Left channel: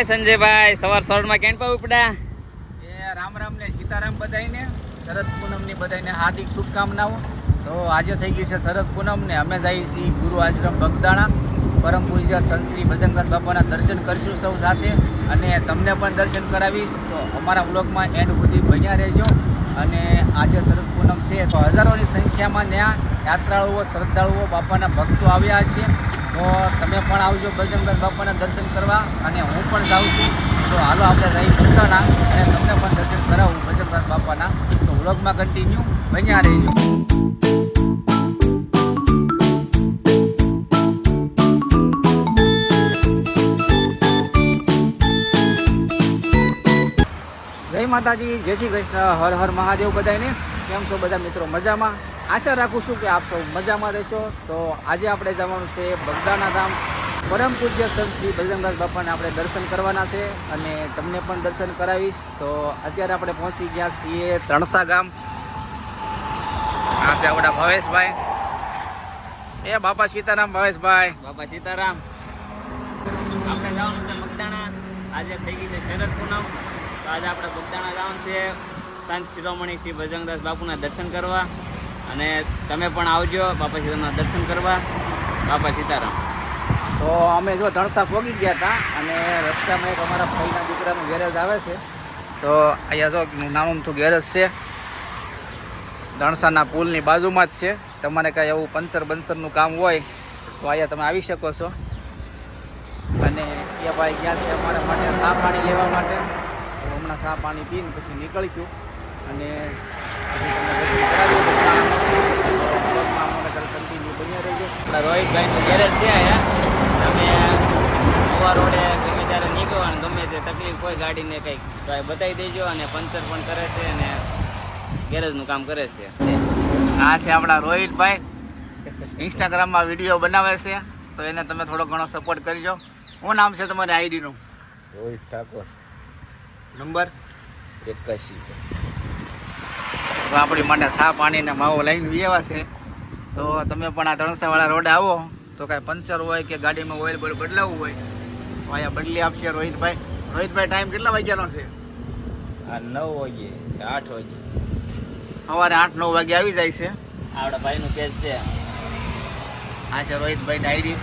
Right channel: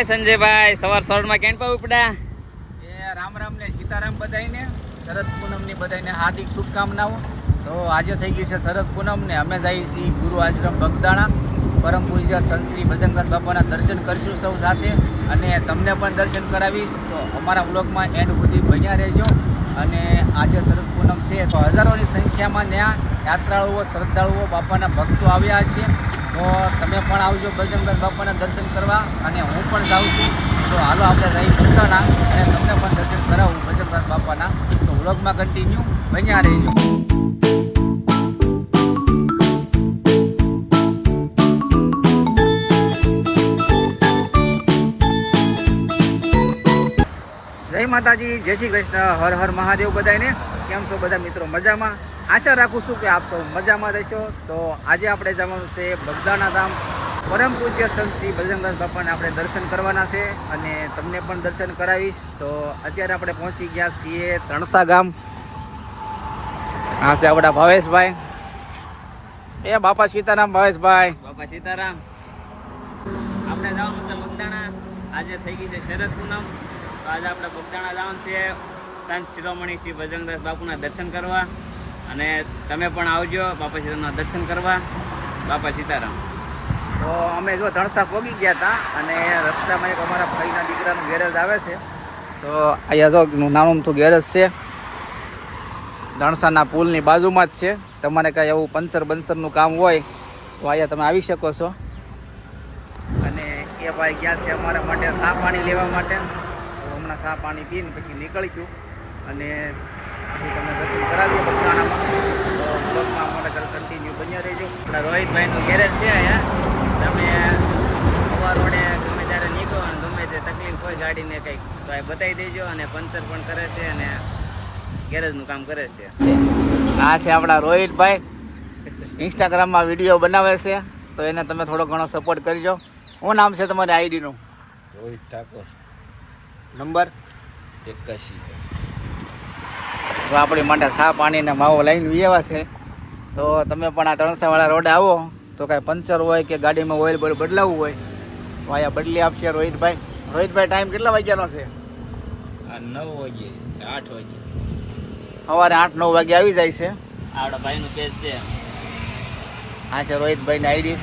જય સંજયભાઈ, સવારમાં કેમ પાવ ઉપડા? એ રામ રામ ને સીતારામ બધાઈને શરદ પૂનમની બધાઈને હાર્દિક શુભકામનાઓ. તો આજે થઈ ગઈ છે શરદ પૂનમ ને અમે જઈએ છીએ ગુરુ આશ્રમ બગદાણા. પરમ પૂજ્ય સંત શ્રી ભજનદાસ બાપાના દર્શન કરીશું સૌ સાથે, અને તમને પણ દર્શન કરાવીશ. તો અમારા વ્લોગમાં એન્ડ સુધી બન્યા રહેજો. અને આજે શરદ પૂનમ છે તો હજારોની સંખ્યામાં ત્યાં યાત્રાળુઓ, શ્રદ્ધાળુઓ, બાપાના ભક્તો આવ્યા છે. તો તમે પણ આવજો ભજનદાસ બાપાના દર્શન કરવા, અને હું પણ જાઉં છું. તો હાલો આપણે જઈ બગદાણા અને તમને પણ દર્શન કરાવું ભજનદાસ બાપાના. તો વ્લોગમાં કન્ટિન્યુ બન્યા રહેજો. જય માતાજી, જય શ્રી કૃષ્ણ, હર હર મહાદેવ બધાને. કેમ છો બધા મિત્રો? મજામાં? આશા રાખું છું કે આપ સૌ મજામાં રહેશો. તો આજે આપણે જવાનું છે બગદાણા ધામ. પરમ પૂજ્ય સંત શ્રી ભજનદાસ બાપાને આપણે દર્શન કરવાના છે, અને તમને પણ દર્શન કરાવીશ. તો અત્યારે આપણે પહોંચી ગયા છીએ ત્રણસા ગામ. આ છે આપણા ભાવેશભાઈ. એ બાપા સીતારામ ભાવેશભાઈ. બાપા સીતારામ. આપણે જવાનું છે બગદાણા. આજે થઈ ગઈ છે શરદ પૂનમ. તો આજે આપણે બગદાણા જવાનું છે સંત શિરોમણી શ્રી ભજનદાસ બાપુના દર્શન કરવા. અને તમે પણ આવજો બાપા સીતારામના દર્શન કરવા. બાપા સીતારામ. તો અમે જો ધણસા પહોંચી ગયા હતા, અને રસ્તામાં એક અમારા ભાઈના દીકરાનું ગેરેજ આવે છે. તો અહીંયા જો નાનું તો ગેરેજ છે, ધણસાના પુલની બાજુમાં જ છે. તમારે કાંઈ એવું પંચરનું કામ હોય તો અહીંયા તમે આવી શકો છો. અને એ ભાઈ ગયા છે અમારા માટે ચા પાણી લેવા માટે. તો હમણાં ચા પાણી પીને પછી નીકળીશું, અને પછી તમને દર્શન કરાવીએ બગદાણામાં. તો બ્લોગમાં અમારે કન્ટિન્યુ બન્યા રહેજો. આપણા રોહિતભાઈનું ગેરેજ છે અહીંયા. તમે નવા રોડે ગમે ત્યારે નીકળો અને ગમે તે તકલીફ હોય ગાડીને કંઈક તો એ બતાવી દેજો. અને પંચર પણ કરે છે અને ગેરેજનું કામ કરે છે. આ છે આપણા રોહિતભાઈ. ઇન્સ્ટાગ્રામમાં વિડીયો બનાવે છે, તો એને તમે થોડો ઘણો સપોર્ટ કરજો. શું નામ છે તમારી આઈડીનું? રોહિત ઠાકોર, નંબર 81. તો આપણી માટે ચા પાણી ને માવો લઈને વિયેવા છે. તો તમે પણ આ ત્રણસાવાળા રોડે આવો તો કાંઈ પંચર હોય કે ગાડીમાં ઓઇલ બદલાવવું હોય તો અહીંયા બદલી આપશે રોહિતભાઈ. રોહિતભાઈ, ટાઈમ કેટલા વાગ્યાનો છે? આ 9 વાગે 8 વાગે સવારે 8-9 વાગે આવી જાય છે. આપણા ભાઈનું પેજ છે. આ છે રોહિતભાઈની આઈડી,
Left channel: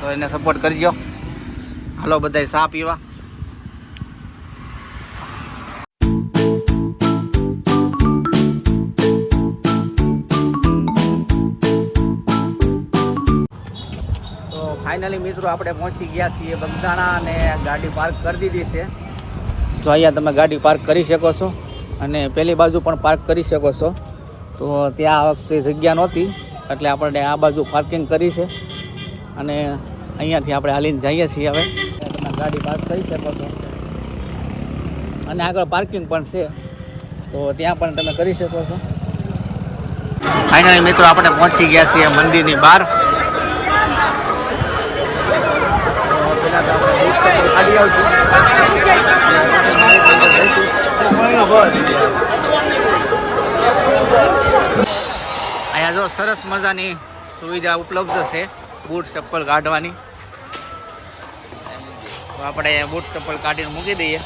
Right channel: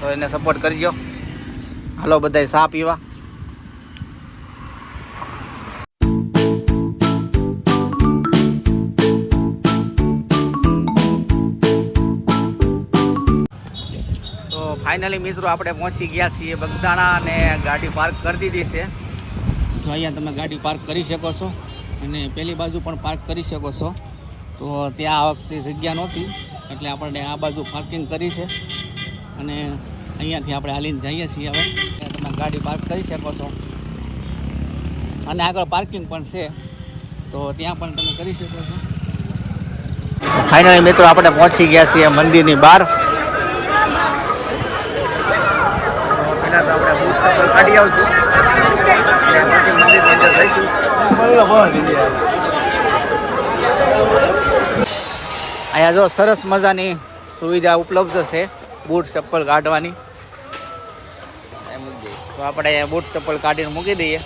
તો એને સપોર્ટ કરજો. હાલો બધાય ચા પીવા. તો ફાઇનલી મિત્રો આપણે પહોંચી ગયા છીએ બગદાણા, અને ગાડી પાર્ક કરી દીધી છે. તો અહીંયા તમે ગાડી પાર્ક કરી શકો છો, અને પેલી બાજુ પણ પાર્ક કરી શકો છો. તો ત્યાં આ વખતે જગ્યા નહોતી એટલે આપણે આ બાજુ પાર્કિંગ કરી છે, અને અહીંયાથી આપણે હાલીને જઈએ છીએ. હવે તમે ગાડી પાર્ક કરી શકો છો, અને આગળ પાર્કિંગ પણ છે, તો ત્યાં પણ તમે કરી શકો છો. ફાઇનલી મિત્રો આપણે પહોંચી ગયા છીએ મંદિરની બહાર. તો પહેલાં તો આપણે બૂટ ચપ્પલ કાઢી આવશું, અને પછી મંદિરની અંદર જઈશું. અહીંયા જો સરસ મજાની સુવિધા ઉપલબ્ધ છે બૂટ ચપ્પલ કાઢવાની. તો આપણે બૂટ ચપ્પલ કાઢીને મૂકી દઈએ.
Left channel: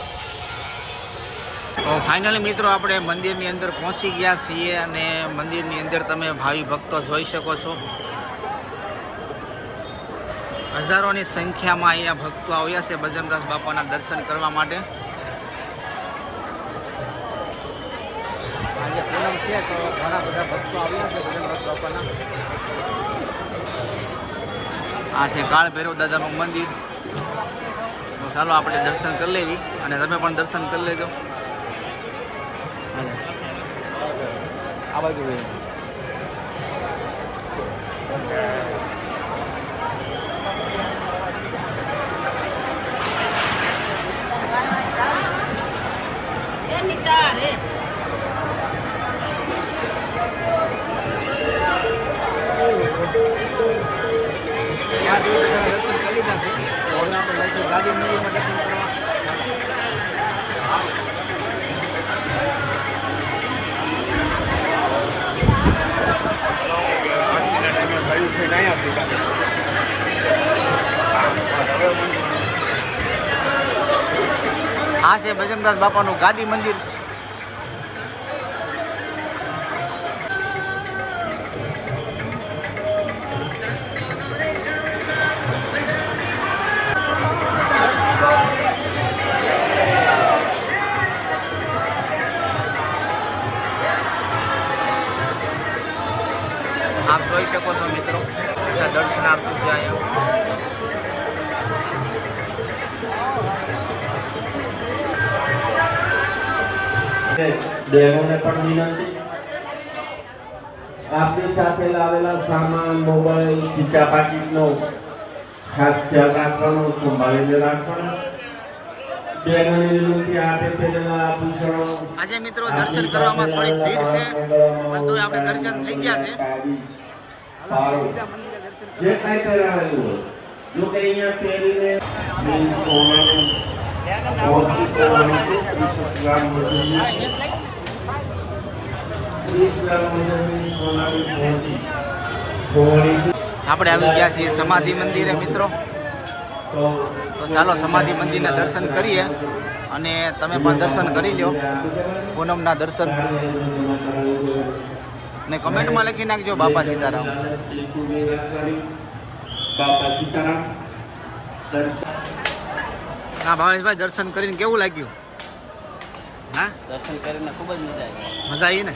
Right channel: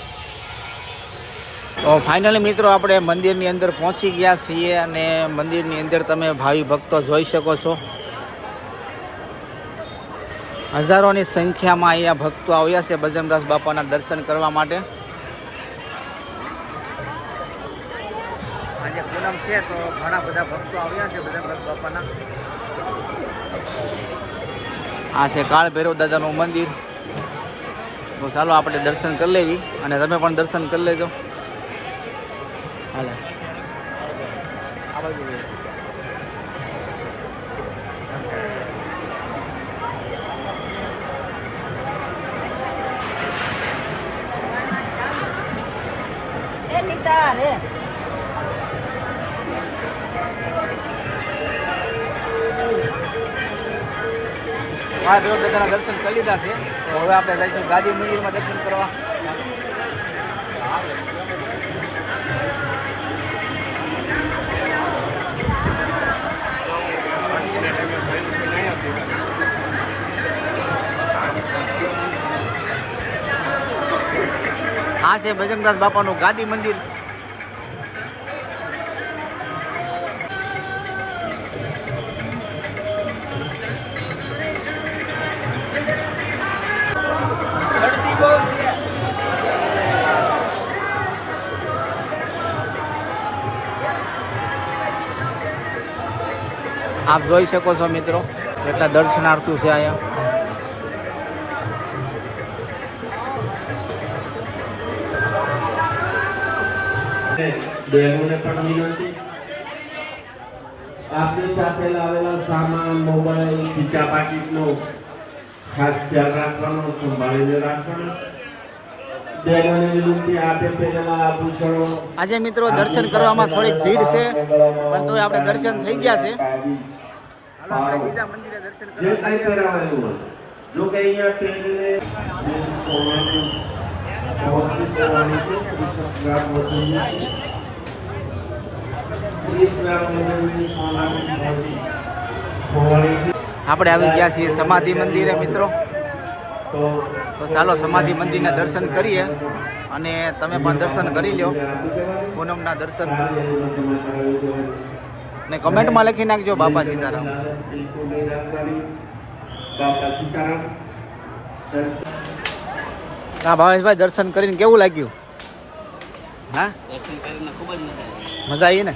તો ફાઇનલી મિત્રો આપણે મંદિરની અંદર પહોંચી ગયા છીએ, અને મંદિરની અંદર તમે ભાવિ ભક્તો જોઈ શકો છો. હજારોની સંખ્યામાં અહીંયા ભક્તો આવ્યા છે ભજનદાસ બાપાના દર્શન કરવા માટે. આજે પૂનમ છે તો ઘણા બધા ભક્તો આવ્યા છે ભજનદાસ બાપાના. આ છે કાળ ભૈરવ દાદાનું મંદિર. તો ચાલો આપણે દર્શન કરી લેવી, અને તમે પણ દર્શન કરી લેજો. હાલે આ બાજુ મહાદેવ દાદાના દર્શન કરી લીધા છે. તો હવે આપણે જઈશું ગાદી મંદિરમાં દર્શન કરવા. આ છે ભજનદાસ બાપાનું ગાદી મંદિર. આપ જોઈ શકો છો મિત્રો, એટલા દર્શનાર્થીઓ છે અહીંયા. ડેમોને પણ વિનંતી, આપની સાથે લાવેલા સામાન, મોબાઈલ, ખીચા પાકીટનો ખાસ ખ્યાલ રાખવાનો, સંભાળીને રાખવાનો. ડેમોને વિનંતી, આપે પહેરેલા આભૂષણો. આજે મિત્રો દર્શન કરવામાં થોડીક ભીડ છે, પણ તોય આપણે દર્શન થઈ ગયા છે. બીજા મંદિરે દર્શન જે કંઈ પહેરાવેલું હોય, જો કે અહીંયા પહેરીને સોનાનું મોતી કરવાની છે. 30 ગ્રામ મોતી, 30 ગ્રામ મોતીની સોનાની મોતી ખોવાણી છે. આપણે આવી ગયા છીએ સમાધિ મંદિરે મિત્રો. તો ચાલો સમાધિ મંદિરના દર્શન કરીએ, અને તમે પણ દર્શન કરી લો, પૂનમના દર્શન. ને કમેન્ટમાં લખી નાખજો બાપા સીતારામ. હા ભાવેશભાઈ, દર્શન કરીને કેવું લાગ્યું? હા, દર્શન કરીને ખૂબ જ મજા આવી. મજા આવી ને?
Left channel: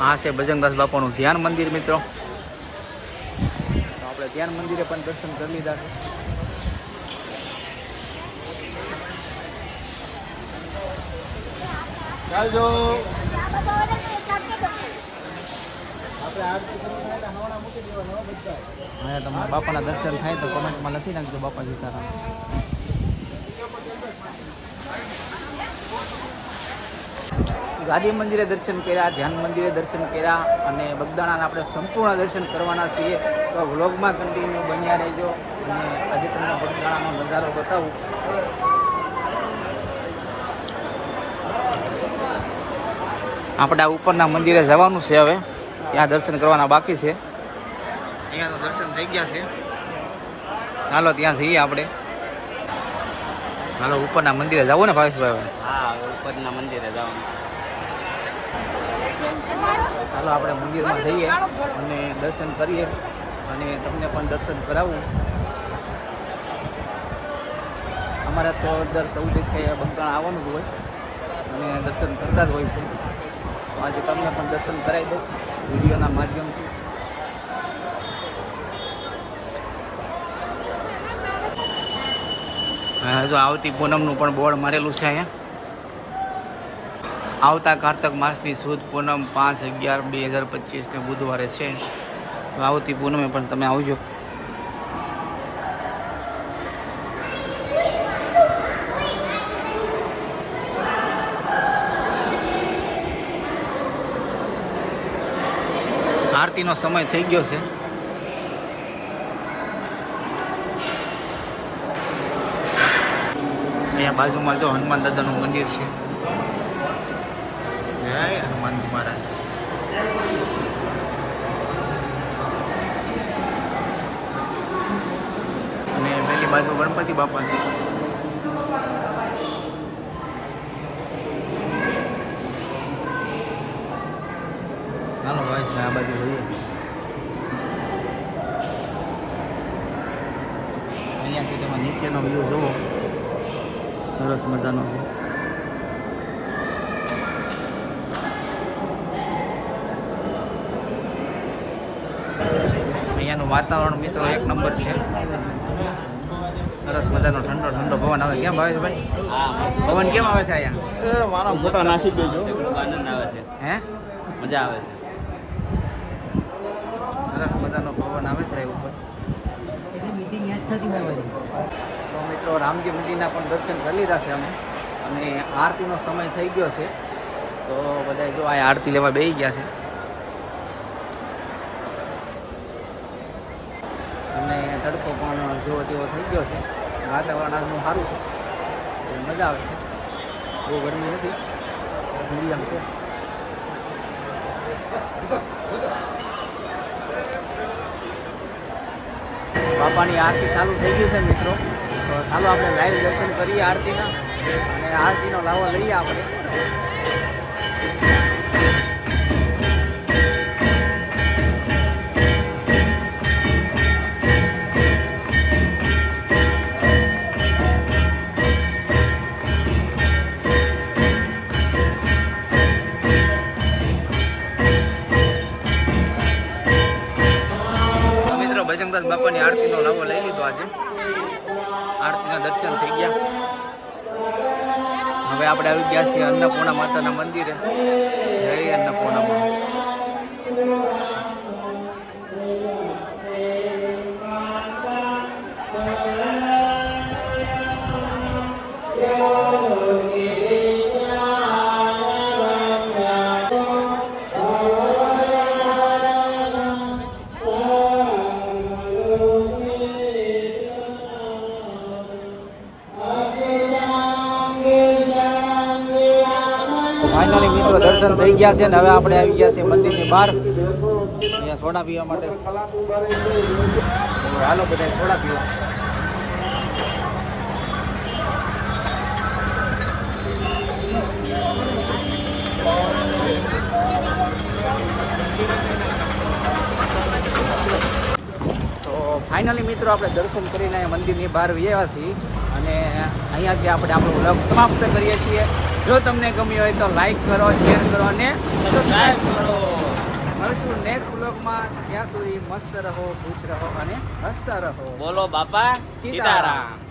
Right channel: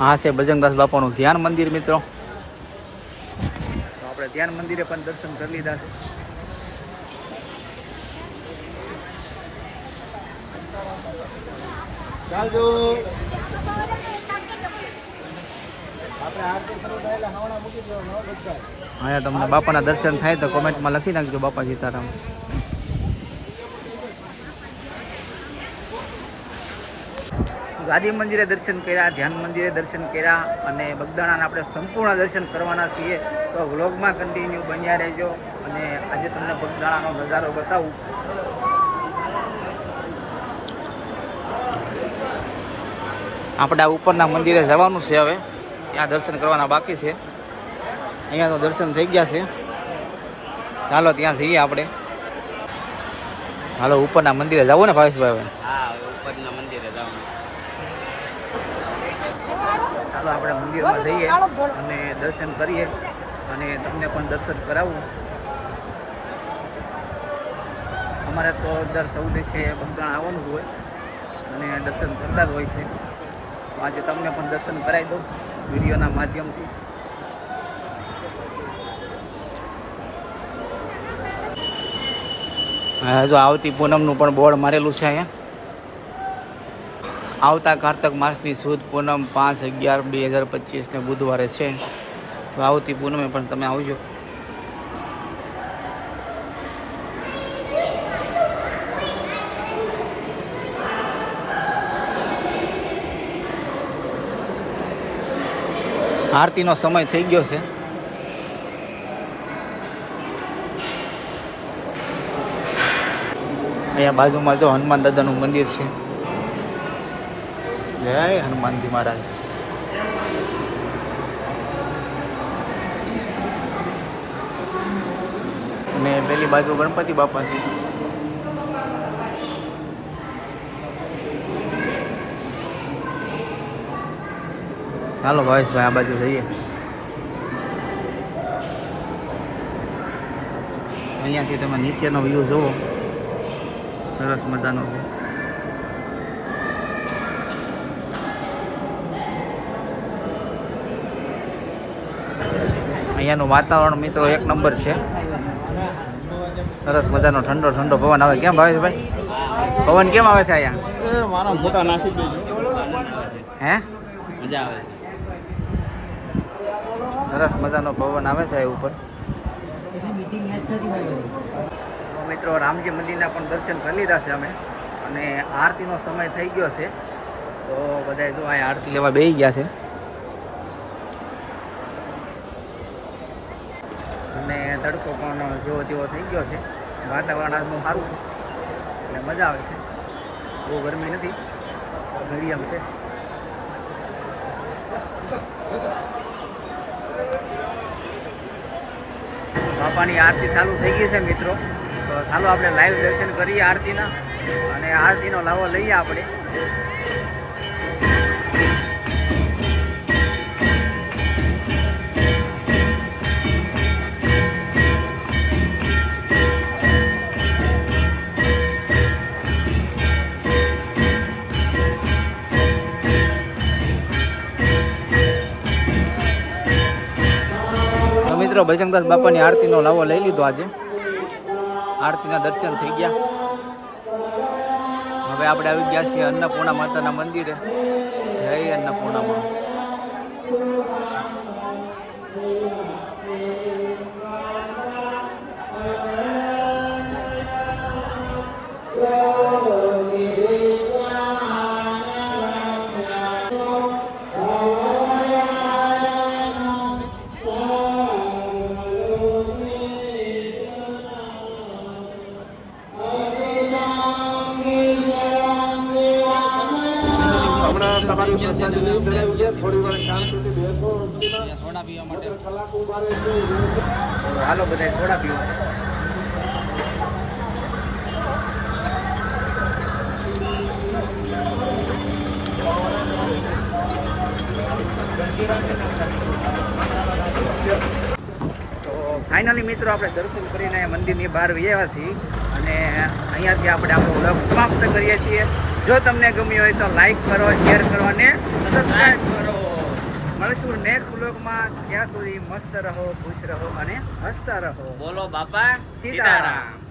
હા છે ભજનદાસ બાપાનું ધ્યાન મંદિર મિત્રો. તો આપણે ધ્યાન મંદિરે પણ દર્શન કરી લીધા છે. ચાલજો. અહીંયા તમને બાપાના દર્શન થાય તો કોમેન્ટમાં લખી નાખજો બાપા સીતારામ. ગાદી મંદિરે દર્શન કર્યા, ધ્યાન મંદિરે દર્શન કર્યા, અને બગદાણાના આપણે સંપૂર્ણ દર્શન કરવાના છીએ. તો વ્લોગમાં કન્ટિન્યુ બન્યા રહેજો, અને આજે તમને બગદાણાનો નજારો બતાવું. આપણે આ ઉપરના મંદિરે જવાનું છે, હવે ત્યાં દર્શન કરવાના બાકી છે. અહીંયા તો દર્શન થઈ ગયા છે. ચાલો ત્યાં જઈએ આપણે. ચાલો ઉપરના મંદિરે જવું ને ભાવેશભાઈ? હા, ઉપરના મંદિરે જવાનું. ચાલો આપણે મંદિરમાં જઈએ અને દર્શન કરીએ, અને તમને પણ દર્શન કરાવું. અમારે તો દર 14 બગદાણા આવવાનું જ હોય, અને દર્શન કરતા જ હોય છે. તો આજે તમને પણ દર્શન કરાવી દઉં વિડીયોના માધ્યમથી. હા, જો આવતી પૂનમનું પણ બોર્ડ મારેલું છે અહીંયા. આવતા કારતક માસની સુદ પૂનમ 5/11/2025 ને બુધવારે છે. તો આવતી પૂનમે પણ તમે આવજો. આરતીનો સમય થઈ ગયો છે. અહીંયા બાજુમાં જો હનુમાન દાદાનું મંદિર છે. જય હનુમાનજી મહારાજ. અને પેલી બાજુ ગણપતિ બાપા છે. ચાલો ભાવેશભાઈ આ બાજુ જઈએ. અહીંયાથી તમે નીચેનો વ્યૂ જુઓ, સરસ મજાનો છે. અહીંયાનું વાતાવરણ મિત્રો એક નંબર છે. સરસ મજાનો ઠંડો ઠંડો પવન આવે. કેમ ભાવેશભાઈ, પવન કેમ આવે છે અહીંયા? મારા ફોટા નાખી દેજો. આનંદ આવે છે, હે, મજા આવે છે. સરસ મજાનો પવન આવે છે ઉપર. તો મિત્રો રામજી મંદિરના પણ દર્શન કરી લીધા છે અમે, અને આરતીનો સમય થઈ ગયો છે. તો બધા જો આ આરતી લેવા બેસી ગયા છે, અને તડકો પણ જેવો તેવો થઈ ગયો છે. વાતાવરણ આજનું સારું છે એટલે મજા આવે છે, બહુ ગરમી નથી, મીડિયમ છે. બાપાની આરતી ચાલુ થઈ ગઈ છે મિત્રો, તો ચાલો આપણે લાઈવ દર્શન કરીએ આરતીના અને આરતીનો લાવો લઈએ આપણે. મિત્રો બજરંગદાસ બાપાની આરતીનો લાવો લઈ લીધો. આજે આરતીના દર્શન થઈ ગયા. હવે આપણે આવી ગયા છીએ અન્નપૂર્ણા માતાના મંદિરે. જય અન્નપૂર્ણામાં. ફાઇનલી મિત્રો દર્શન થઈ ગયા છે ને હવે આપણે આવી ગયા છીએ મંદિરની બહાર અહીંયા સોડા પીવા માટે. તો હાલો બધા સોડા પીવા. તો ફાઇનલી મિત્રો આપણે દર્શન કરીને મંદિરની બહાર આવ્યા છીએ અને અહીંયાથી આપણે આપણો વ્લોગ સમાપ્ત કરીએ છીએ. જો તમને ગમ્યું હોય તો લાઈક કરો, શેર કરો અને સબસ્ક્રાઈબ કરો. મળીશું નેક્સ્ટ વ્લોગમાં. ત્યાં સુધી મસ્ત રહો, ખુશ રહો અને હસતા રહો. બોલો બાપા સીતારામ.